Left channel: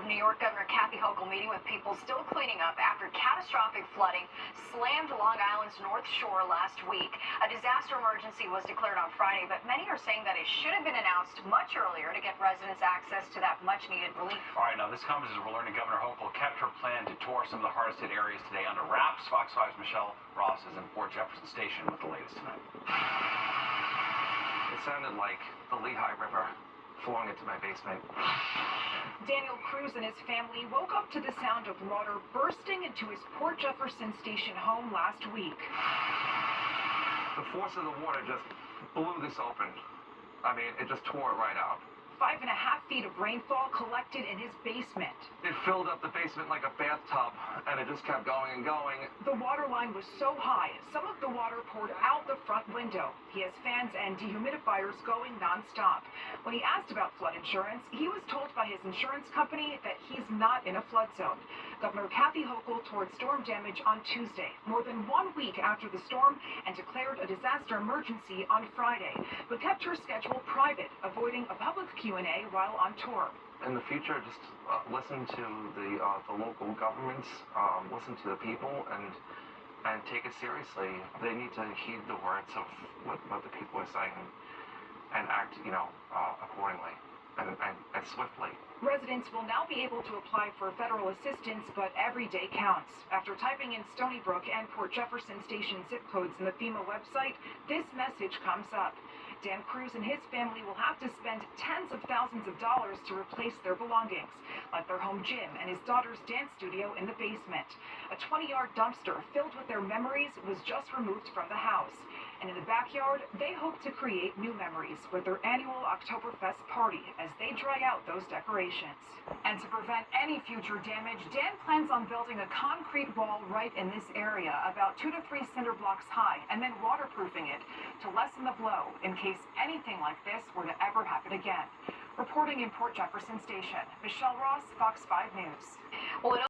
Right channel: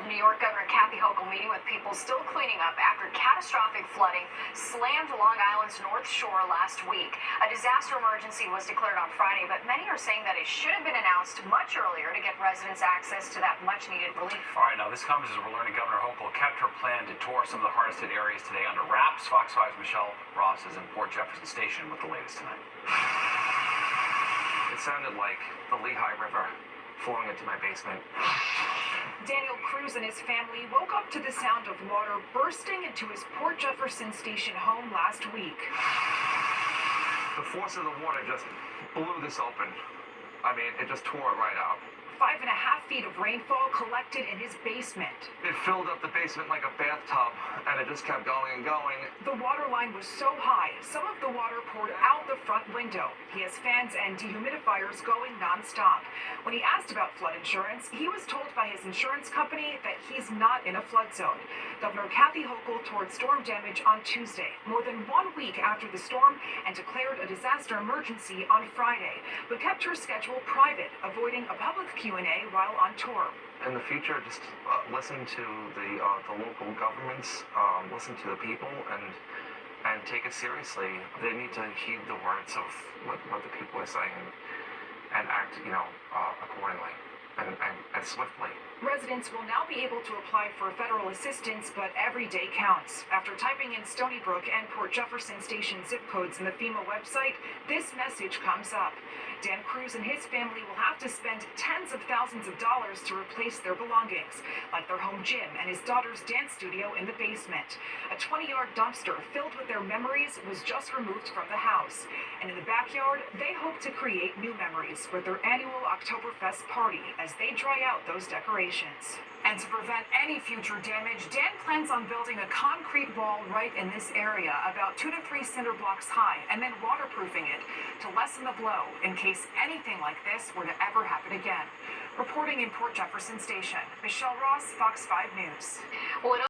of New York Governor Kathy Hochul meeting with people still cleaning up after catastrophic flooding slammed Long Island's North Shore last week. A disaster emergency was declared on Friday, but many are saying that it should have been announced much earlier to get residents access to that much-needed relief. All right, now this comes as we're learning Governor Hochul kept her plan to tour some of the hardest hit areas today under wraps. Fox 5's Michelle Ross is in Port Jefferson Station with the latest tonight. It sounded like the Lehigh River flowing into my basement. Daniel Cruz and his family woke up to the sound of water bursting into his Port Jefferson Station home last week. The force of the water just blew this open. I mean, it just tore it right out. 5.5 feet of rainfall collected in his basement. It filled up the basement like a bathtub, and it just kept going and going. The water line was so high, some of the water poured out the front window. He has fans and dehumidifiers going nonstop. When he asked about flood insurance, he was told by his insurance company that he's not in a flood zone. Governor Kathy Hochul toured storm damage on Tuesday, more than 1 week after the storm, and declared a disaster emergency on Friday, but kept her schedule private, avoiding a public Q&A while on tour. In the future, just listen to the local governments, listen to the people, and take it seriously. They need to heed the words of what the people are saying and act, accordingly and swiftly. Residents will now be able to apply for federal assistance, but every day counts. After typing in Stony Brook and Port Jefferson Station zip codes in the FEMA website, this message comes up. Dan Cruz and his family will have to spend tens of thousands of dollars to replace their belongings, like their home gym and his daughter's dance studio in the basement. A 20-yard dumpster filled with their memories was just removed from the house. And in the backyard, they hope to create new memories with their annual Oktoberfest party as they dry out those decorations. And to prevent any future damage, Dan plans on building a concrete wall right in this area, about 2 to 3 cinder blocks high, and then waterproofing it to lessen the blow in case anything like this were to ever happen again. Reporting in Port Jefferson Station, Michelle Ross, Fox 5 News. Well,